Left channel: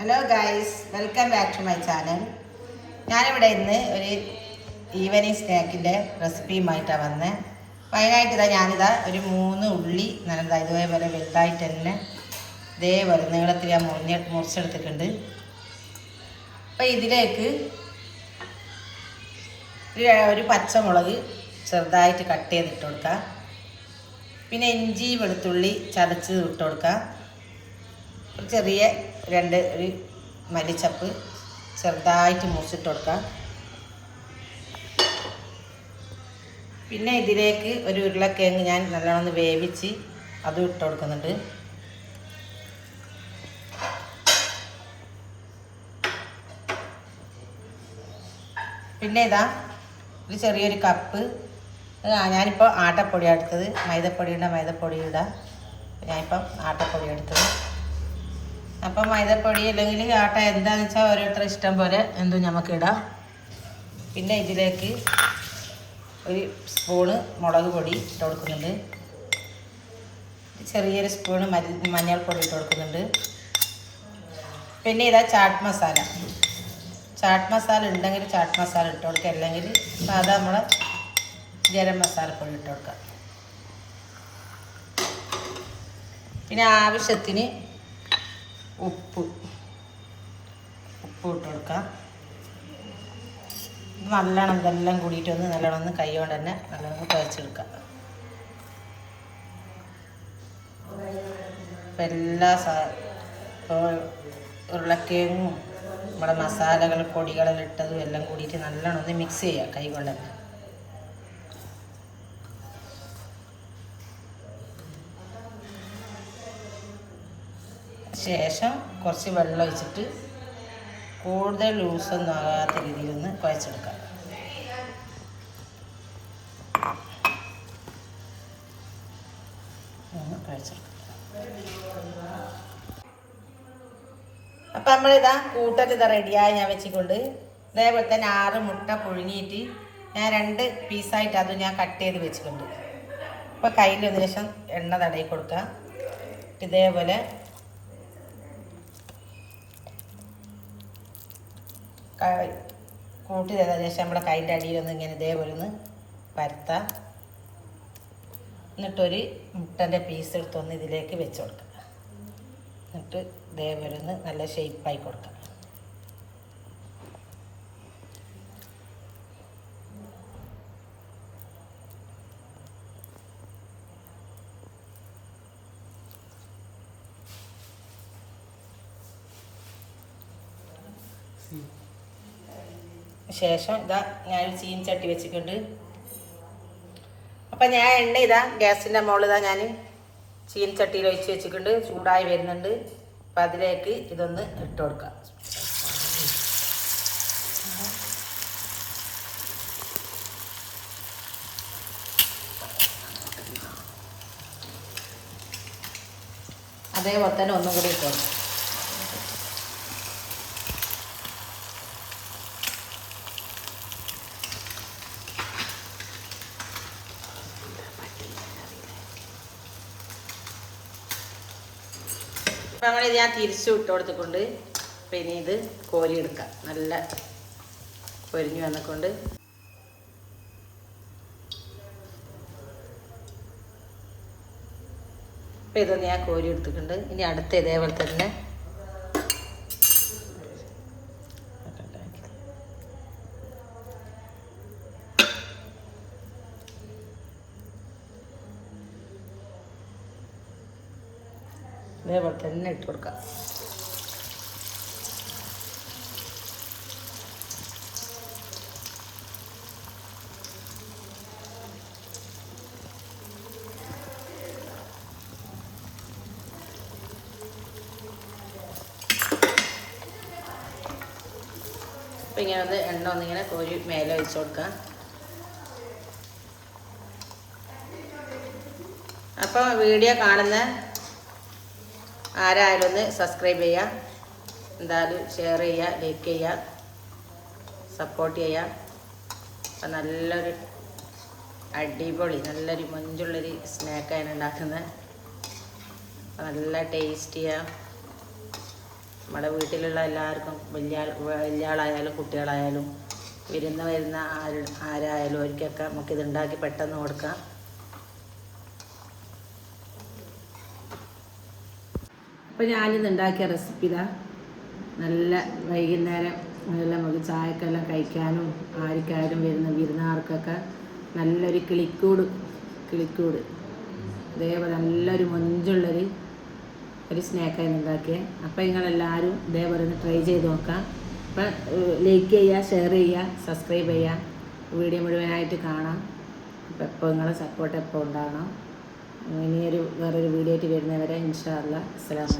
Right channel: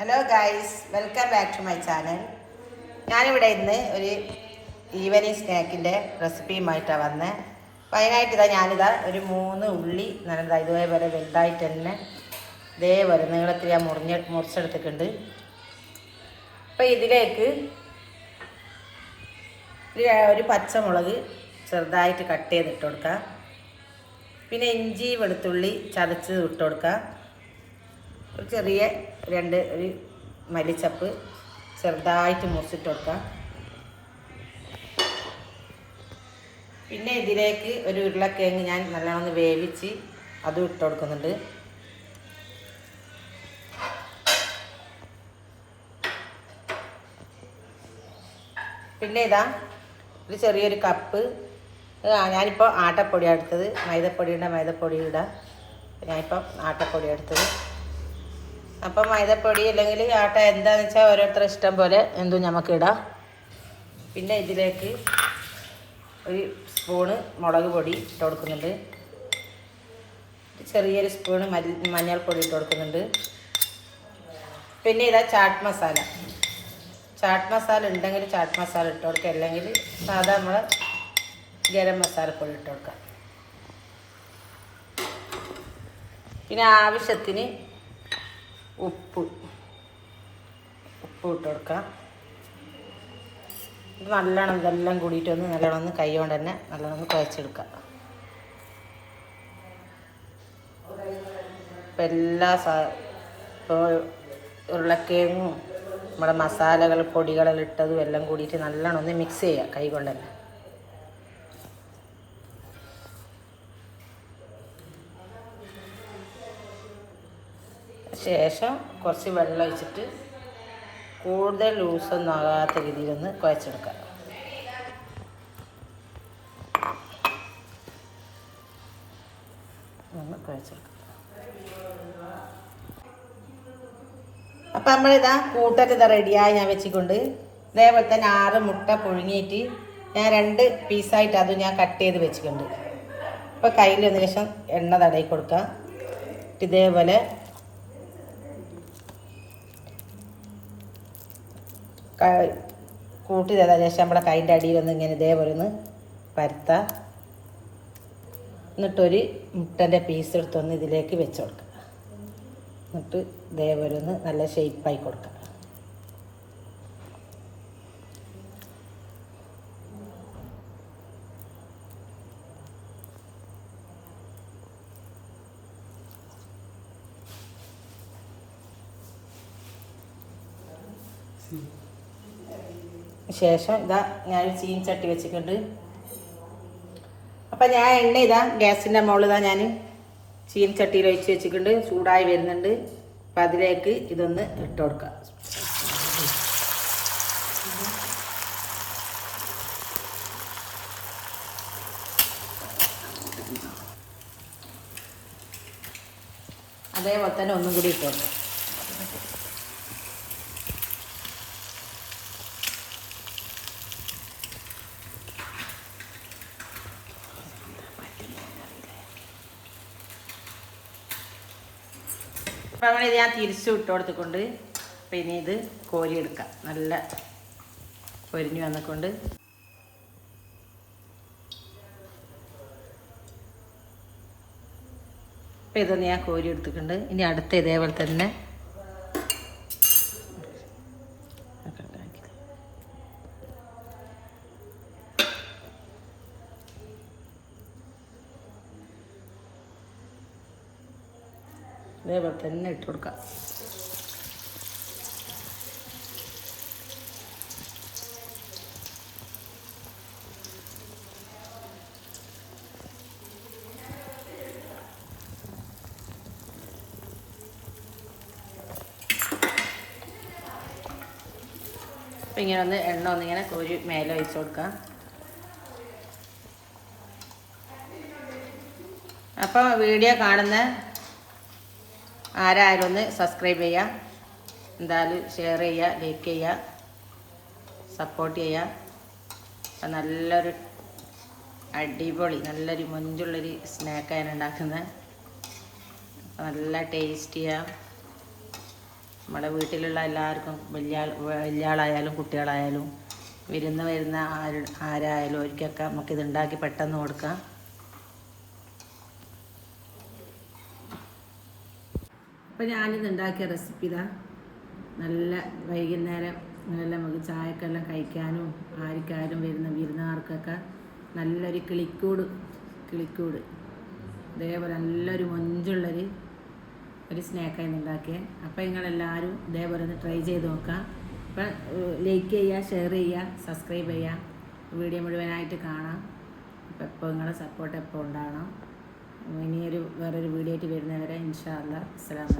Hello guys welcome back to my channel ഞാനിവിടെ ഇന്ന് ഒരു ഈവനിങ് സ്നാക്കിന്റെ റെസിപ്പിയുമായിട്ടാണ് വന്നത് അതിനായിട്ട് ഇതാ ഞാനിതാ ഒരു മൂന്ന് ഉള്ളി നല്ലതാ ഇതേപോലെ വലുതായിട്ട് തന്നെ ഇതേപോലെ നീളത്തിൽ ഞാൻ മുറിഞ്ഞ മുറിച്ചെടുത്തിട്ടുണ്ട്. അപ്പോൾ ഇതിലേക്ക് ഒരു പച്ചമുളക് ചെറുതായിട്ട് കട്ട് ചെയ്തിട്ട് കൊടുക്കാം. പിന്നെ ഇഞ്ചി വെളുത്തുള്ളി ചതച്ച് ഇട്ട് കൊടുക്കാം. ഒരു ചെറിയ രണ്ട് ഒരു മല്ലിച്ചപ്പ് ചെറുതായിട്ട് മുറിച്ചിട്ട് കൊടുക്കാം പിന്നെ ഇതിലേക്ക് ഒരു ഉരുളക്കിഴങ്ങ് ഞാൻ നല്ലോണം വേവിച്ച് അതും ഇട്ട് കൊടുക്കുന്നുണ്ട് പിന്നെ ഇതാ ഒരു ചെറിയൊരു കപ്പ് ഞാനിപ്പോൾ ആട്ടപ്പൊടിയാണ് എടുത്തത്. മൈദപ്പൊടിയുടെ മൈദപ്പൊടി ഇടാം. ഞാനിപ്പം ആട്ടപ്പൊടി എടുത്തത്. അപ്പം മൈദപ്പൊടി അല്ലെങ്കിൽ ആട്ട എന്താണെന്ന് വെച്ചാൽ ഓരോരുത്തർ ഇഷ്ടം പോലെ എന്തും നമുക്ക് ഇടാം പിന്നെ ഇതിലേക്ക് ഒരു സ്പൂണ് മുളക് പൊടി ഇട്ട് കൊടുക്കുന്നുണ്ട്. ചെറിയൊരു സ്പൂണ് മരി മഞ്ഞൾപ്പൊടി ഇട്ട് കൊടുക്കുന്നുണ്ട്. പിന്നെ ഇതാ ചാട്ട് മസാല. ചാട്ട് മസാല ഉണ്ടെങ്കിൽ ചാട്ട് മസാല ഇട്ട് കൊടുക്കുക. അല്ലെങ്കിൽ സാധാ നമ്മൾ ഗരം മസാലപ്പൊടി ഇട്ട് കൊടുക്കാം പിന്നെ ആവശ്യത്തിന് ഉപ്പ്. ഉപ്പ് ഇട്ട് കൊടുക്കാം. നല്ലോണം ഇതെല്ലാം കൂടിയിട്ട് ഒന്ന് നല്ലോണം ഒന്ന് കൈ കൊണ്ട് തന്നെ നല്ലോണം കുഴച്ചെടുക്കാം. ഇപ്പം എല്ലാ സാ ഇപ്പോൾ ഉരുളക്കിഴങ്ങും നമ്മുടെ മസാലകൾ പൊടികളെല്ലാം ഇട്ടതും എല്ലാം കൂടിയിട്ട് നല്ലോണം ഒന്ന് മിക്സ് ചെയ്യുക കൈ കൊണ്ട് തന്നെ. ശേഷം കുറച്ച് വെള്ളം ഒഴിച്ചിട്ട് കൂടുതൽ ലൂസൊന്നും ആകാത്ത രീതിയിലൊന്ന് കുഴച്ചെടുക്കാം. ഒന്ന് കുഴച്ചെടുക്കാം. അപ്പം നമ്മളിതാ കൂട്ടൊക്കെ റെഡിയായി ഞാൻ വെച്ചിട്ടുണ്ട്. ഇതേപോലെ തന്നെ ആറ് മുട്ട പുഴുങ്ങിയിട്ട് ഞാൻ രണ്ട് പീസായിട്ട് അത് ഞാൻ കട്ട് ചെയ്ത് വെച്ചിട്ടുണ്ട്. അപ്പോൾ കയ്യിൽ ഏകദേശം എണ്ണ തടയി കൊടുക്കാം. ഇതേപോലെ കൂട്ടി തരാം. ശേഷം നമ്മുടെ കൈന്റെ അടിയിലൊന്ന് ഇങ്ങനെ ഇതേപോലെ ഒന്ന് പരത്താം. എന്നിട്ടൊരു മുട്ടന്റെ പീസ് എടുത്തൊന്ന് ഇതിലേക്ക് വെച്ച് കൊടുക്കുക എന്നിട്ട് ഇതേപോലെ ഒന്ന് നല്ല ഷേപ്പായി കൊടുക്കുക ശേഷം ഇതാ ഞാൻ ചീൻചട്ടി വെച്ചിട്ടുണ്ട്. അപ്പം ഞാൻ എണ്ണ ഇതാ ഗ്യാസിന്റെ മുകളിൽ ഇതാ ഞാൻ ചട്ടിയിൽ ഒഴിച്ച് വെച്ചിട്ടുണ്ട്. ചൂടായി വരുന്നുണ്ട്. അപ്പം അതിലേക്ക് ഇതൊന്ന് ഇട്ട് കൊടുക്കാം. അതേപോലെ തന്നെ ഒന്നും കൂടി ഇട്ട് കൊടുക്കാം. തിരിച്ചു വിട്ട് കൊടുത്തുകൊണ്ട് പിന്നെ ഇത് കോരി എടുക്കാം നല്ല പൊരിഞ്ഞു വന്നിക്കൊണ്ട് ഇപ്പം ഇതൊന്ന് ഞാൻ കോരി എടുത്തിട്ടുണ്ട് ഇനി അടുത്ത ഇതേപോലെ തന്നെ ഇതേപോലെ തന്നെ ഇട്ട് കൊടുക്കാം. അപ്പം ഇങ്ങനെ ഒന്ന് എണ്ണ ഒന്നിങ്ങനെ കോരി മേലെ ഒഴിച്ച് കൊടുക്കാം അപ്പോൾ വീഡിയോ കാണുന്ന ആരായാലും ഒന്ന് സബ്സ്ക്രൈബ് ചെയ്യുക. എന്തായാലും ഷെയർ ചെയ്യുക ലൈക്ക് ചെയ്യുക സപ്പോർട്ട് ചെയ്യുക. അപ്പം നല്ലൊരു അടിപൊളി നല്ലൊരു മുഞ്ചുള്ളൊരു സ്നാക്കാണ് ഉണ്ടാക്കുന്നത്. നല്ല ടേസ്റ്റിയാണ് നമ്മുടെ വീട്ടിലുള്ള എല്ലാവർക്കും വലിയ വലിയ ആളായാലും കുട്ടികളായാലും വിരുന്ന് വരുന്ന ആര് ആരായാലും അവർക്കൊക്കെ നമുക്കിത് ഉണ്ടാക്കി പെട്ടെന്ന് കൊടുക്കാം. അപ്പോൾ ഞാനിത് ഉണ്ടാക്കിയ റെസിപ്പി ഇതാ. നല്ല വൈകുന്നേരം നല്ല നമുക്ക് ചായക്കെല്ലാം കഴിക്കാനും ആർക്കാരും വരുന്ന വിരുന്നുകാർക്കൊക്കെ നല്ലൊരു കിളിക്കൂട് കിളിക്കൂട്. ഇതേപോലെ നല്ലൊരു മൊഞ്ചുള്ളൊരു ഒരു സ്നാക്കായി ഉണ്ടാക്കിയത് അപ്പോൾ നിങ്ങളെല്ലാവരും ഇതേപോലെ ഒന്ന് ട്രൈ ചെയ്ത് നോക്കാം. അപ്പം ലൈക്ക് ചെയ്യുക ഷെയർ ചെയ്യുക സബ്സ്ക്രൈബ് ചെയ്യുക വീഡിയോ മുഴുവനായിട്ട് കാണാം. അപ്പം എപ്പോൾ നിങ്ങളെ സപ്പോർട്ട് എപ്പോൾ ഉണ്ടാകണം ഇനിയൊരു വേറൊരു വീഡിയോ ആയിട്ട് വരുന്നവരെ ഇൻഷാ അല്ലാ അലൈക്കും.